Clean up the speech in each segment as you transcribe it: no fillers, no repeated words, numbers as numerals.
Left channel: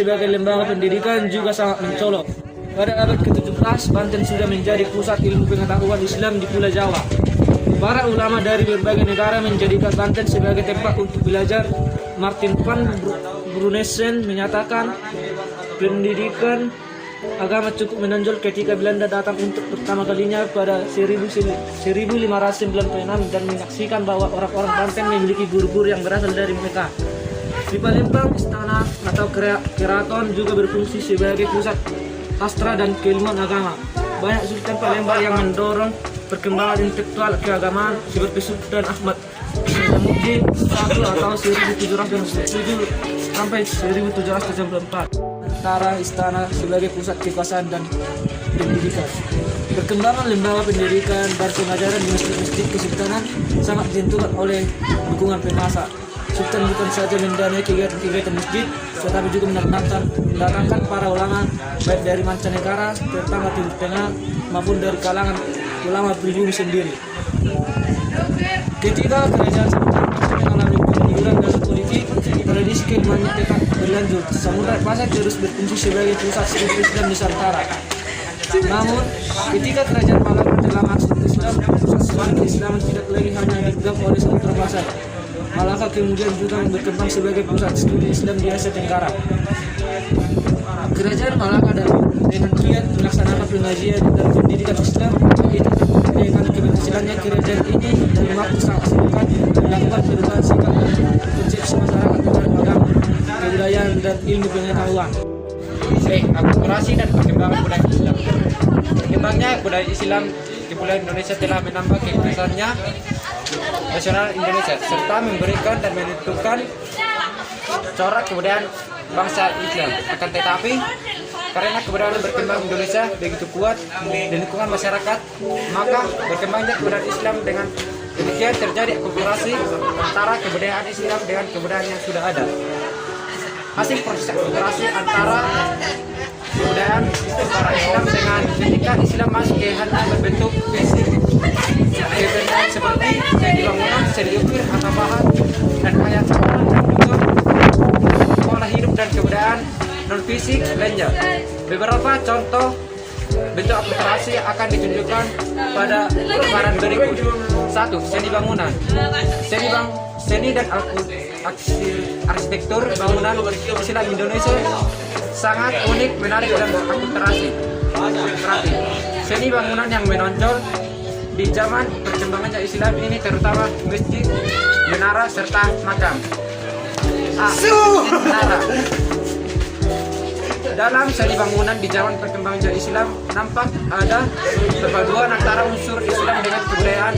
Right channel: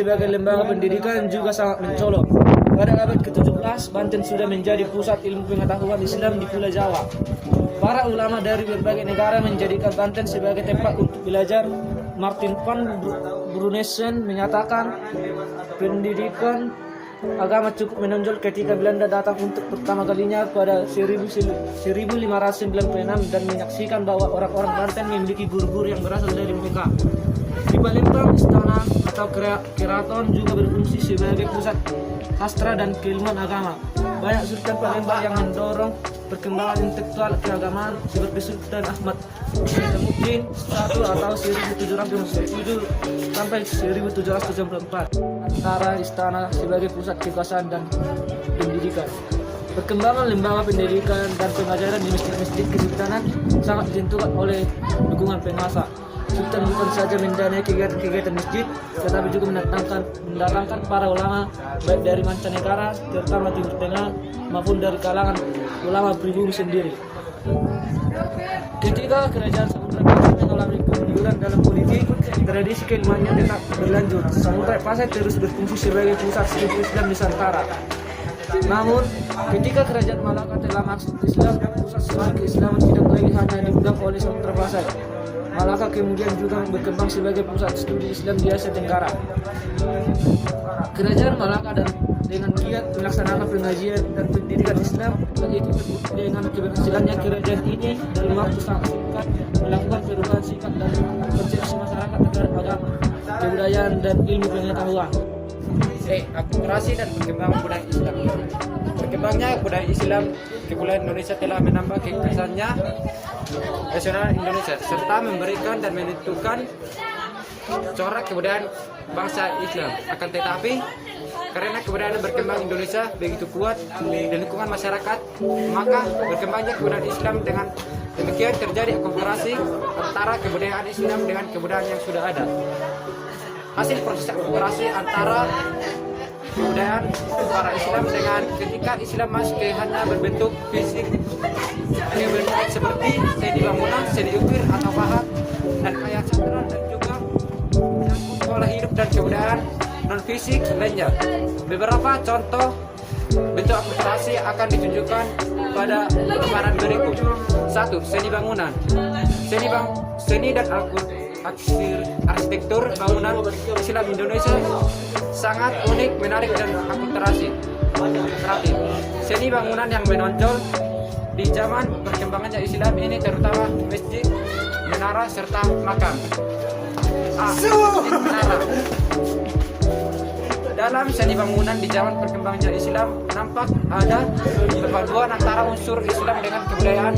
sebagai lembaga pendidikan juga sangat mencolok. Pada abad ke-17, Banten sudah menjadi pusat ilmu pengetahuan Islam di Pulau Jawa. Para ulama dari berbagai negara menjadikan Banten sebagai tempat untuk belajar. Martin van Brunesen menyatakan pendidikan agama cukup menonjol ketika Belanda datang untuk pertama kalinya pada 1596 dan menyaksikan bahwa orang-orang Banten memiliki guru-guru yang berasal dari mereka. Di Palembang, istana atau keraton juga berfungsi sebagai pusat sastra dan keilmuan agama. Banyak Sultan Palembang yang mendorong perkembangan intelektual keagamaan seperti Sultan Ahmad Muhyiddin I atau 1707 sampai 1794. Antara istana sebagai pusat kekuasaan dan pendidikan. Perkembangan lembaga pendidikan dan pengajaran di masjid-masjid kesultanan sangat ditentukan oleh dukungan penguasa. Sultan bukan saja mendanai kegiatan masjid, tetapi juga mendatangkan para ulama baik dari mancanegara, terutama Timur Tengah, maupun dari kalangan ulama pribumi sendiri. Ketika kerajaan Sultan mengalami penurunan dan politik, tradisi keilmuannya tetap berlanjut. Samurai Pasai terus berfungsi sebagai pusat Islam Nusantara. Namun, ketika kerajaan Malaka telah masuk Islam, pusat Islam tidak lagi hanya dipegang oleh Sultan Pasai. Malaka kemudian juga berkembang sebagai pusat Islam di Asia Tenggara. Kerajaan Malaka dengan giat melaksanakan pengajian dan pendidikan Islam, itu dengan keberhasilannya kerajaan ini mampu sangat melakukan perubahan sikap dan konsepsi masyarakat terhadap agama, kebudayaan dan ilmu pengetahuan. Akulturasi dan perkembangan budaya Islam. Berkembangnya budaya Islam di Pulau Indonesia telah menambah keikhlasannya nasional Indonesia serta memberikan dan menentukan corak kebudayaan bangsa Islam. Akan tetapi karena kebudayaan berkembang Indonesia begitu kuat di lingkungan masyarakat, maka berkembangnya kebudayaan Islam dengan demikian terjadi akulturasi antara kebudayaan Islam dengan kebudayaan yang sudah ada. Hasil proses akulturasi antara kebudayaan para Islam dengan ketika Islam masuk ke hana berbentuk seperti seni bangunan, seni ukir atau bahan dan ayat sekolah dan bentuk pola hidup dan kebudayaan non fisik belanja. Beberapa contoh bentuk akulturasi akan ditunjukkan pada gambaran berikut. 1. Seni bangunan. Seni dan arsitektur bangunan Islam Indonesia sangat unik, menarik dan akulturasi. Seni bangunan yang menonjol di zaman perkembangan Islam ini terutama masjid, menara serta makam. Menara. Dalam seni bangunan di zaman perkembangan Islam nampak ada perpaduan antara unsur Islam dengan kebudayaan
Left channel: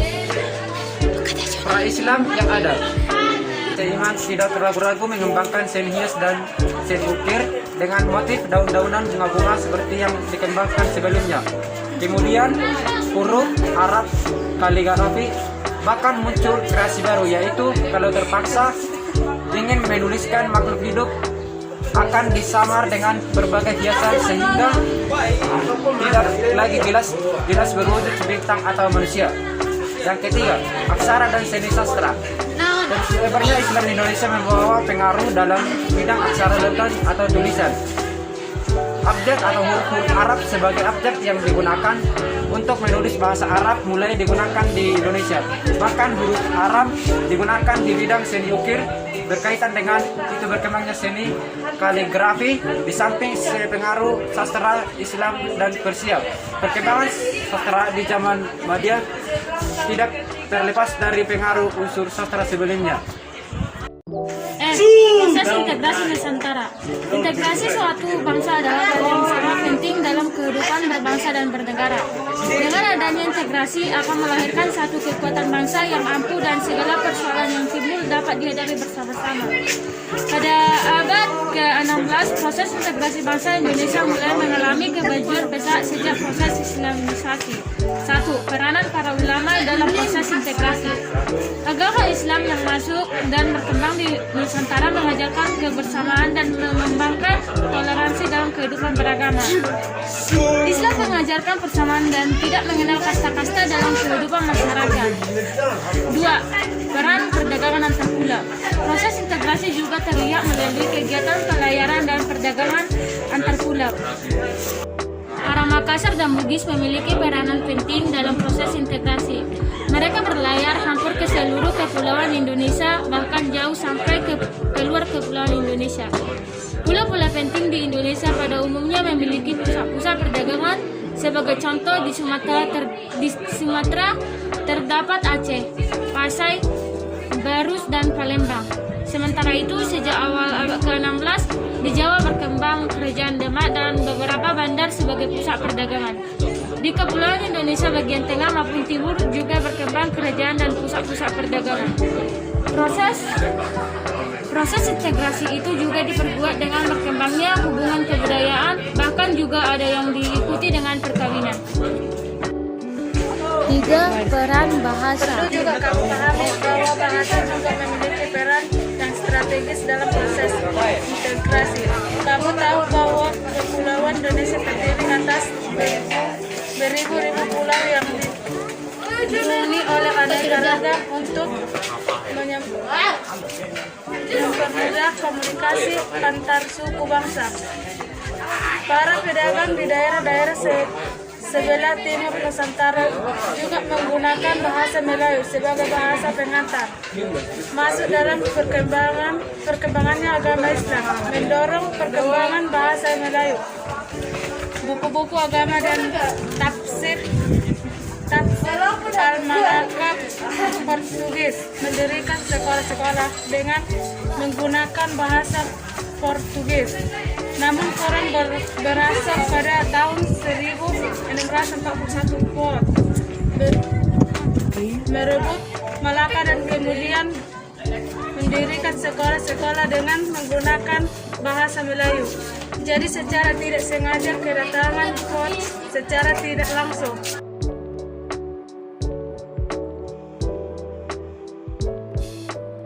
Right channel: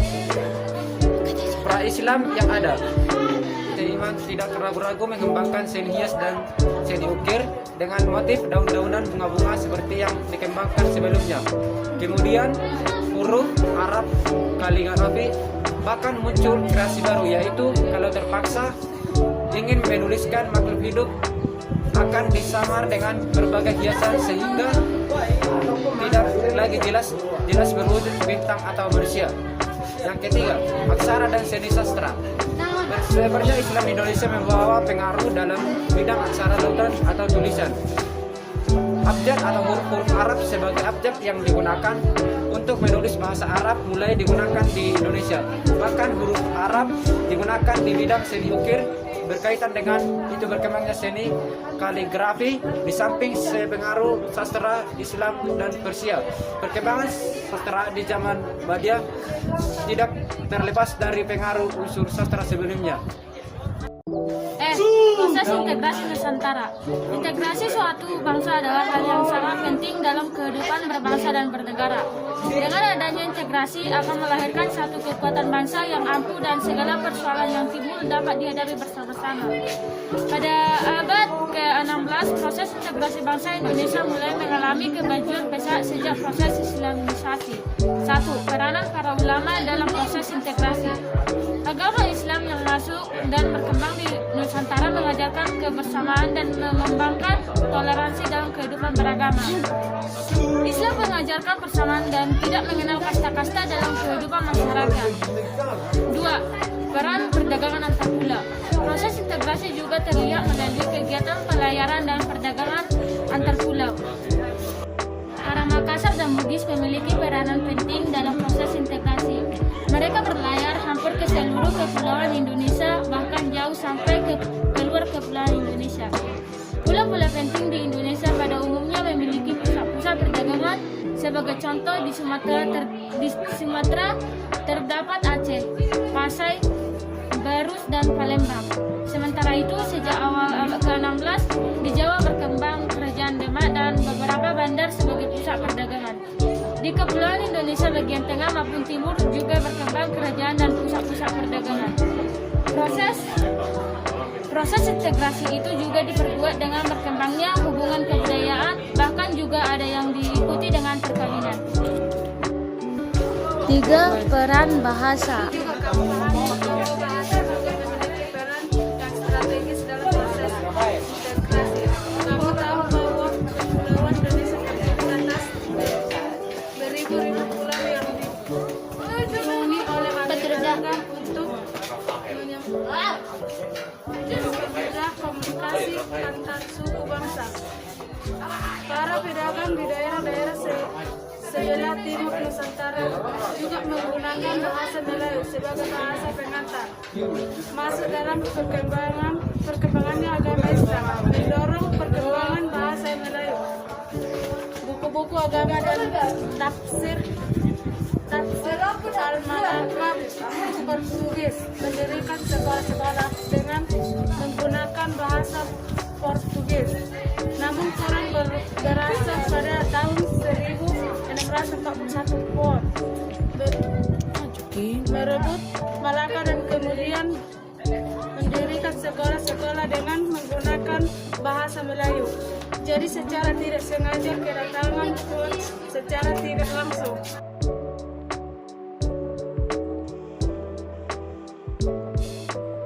pra-Islam yang ada. Seniman tidak ragu-ragu mengembangkan seni hias dan seni ukir dengan motif daun-daunan bunga-bunga seperti yang dikembangkan sebelumnya. Kemudian huruf Arab, kaligrafi, bahkan muncul kreasi baru, yaitu kalau terpaksa ingin menuliskan makhluk hidup akan disamar dengan berbagai hiasan sehingga tidak lagi jelas berwujud bintang atau manusia. Yang ketiga, aksara dan seni sastra. Sebenarnya Islam di Indonesia membawa pengaruh dalam bidang aksara leton atau tulisan. Abjad atau huruf Arab sebagai abjad yang digunakan untuk menulis bahasa Arab mulai digunakan di Indonesia. Bahkan huruf Arab digunakan di bidang seni ukir berkaitan dengan itu berkembangnya seni kaligrafi di samping pengaruh sastra Islam dan Persia. Perkembangan sastra di zaman Madia tidak terlepas dari pengaruh unsur sastra sebelumnya. Proses integrasi Nusantara. Integrasi suatu bangsa adalah hal yang sangat penting dalam kehidupan berbangsa dan bernegara. Dengan adanya integrasi akan melahirkan satu kekuatan bangsa yang ampuh dan segala persoalan yang timbul dapat dihadapi bersama-sama. Pada abad ke-16, proses integrasi bangsa Indonesia mulai mengalami kemajuan besar sejak proses Islamisasi. 1. Peranan para ulama dalam proses integrasi. Agama Islam yang masuk dan berkembang di Nusantara mengajarkan kebersamaan dan mengembangkan toleransi dalam kehidupan beragama. Islam mengajarkan persamaan dan tidak mengenal kasta-kasta dalam kehidupan masyarakat. 2. Peran perdagangan antar pulau. Proses integrasi juga terlihat melalui kegiatan pelayaran dan perdagangan perdagangan antar pulau. Orang Makassar dan Bugis memiliki peranan penting dalam proses integrasi. Mereka berlayar hampir ke seluruh kepulauan Indonesia, bahkan jauh sampai ke keluar kepulauan Indonesia. Pulau-pulau penting di Indonesia pada umumnya memiliki pusat-pusat perdagangan. Sebagai contoh, di Sumatera terdapat Aceh, Pasai, Barus, dan Palembang. Sementara itu, sejak awal abad ke-16, di Jawa berkembang Kerajaan Demak dan beberapa bandar sebagai pusat perdagangan. Di Kepulauan Indonesia bagian tengah maupun timur juga berkembang kerajaan dan pusat-pusat perdagangan. Proses integrasi itu juga diperkuat dengan berkembangnya hubungan kebudayaan, bahkan juga ada yang diikuti dengan perkawinan. 3. Peran bahasa. Juga kamu pahami bahwa bahasa juga memiliki peran yang strategis dalam proses integrasi. Kamu tahu bahwa kepulauan Indonesia terdiri atas beribu-ribu pulau yang dihuni oleh aneka untuk mempermudah komunikasi antar suku bangsa. Para pedagang di daerah-daerah sebelah timur Nusantara juga menggunakan bahasa Melayu sebagai bahasa pengantar. Masuk dalam perkembangannya agama Islam, mendorong perkembangan bahasa Melayu. Buku-buku agama dan tafsir Al-Malakah Portugis mendirikan sekolah-sekolah dengan menggunakan bahasa Portugis. Namun kurang berasal pada tahun 1641 merebut Malaka dan kemudian mendirikan sekolah-sekolah dengan menggunakan bahasa Melayu. Jadi secara tidak sengaja kedatangan Port secara tidak langsung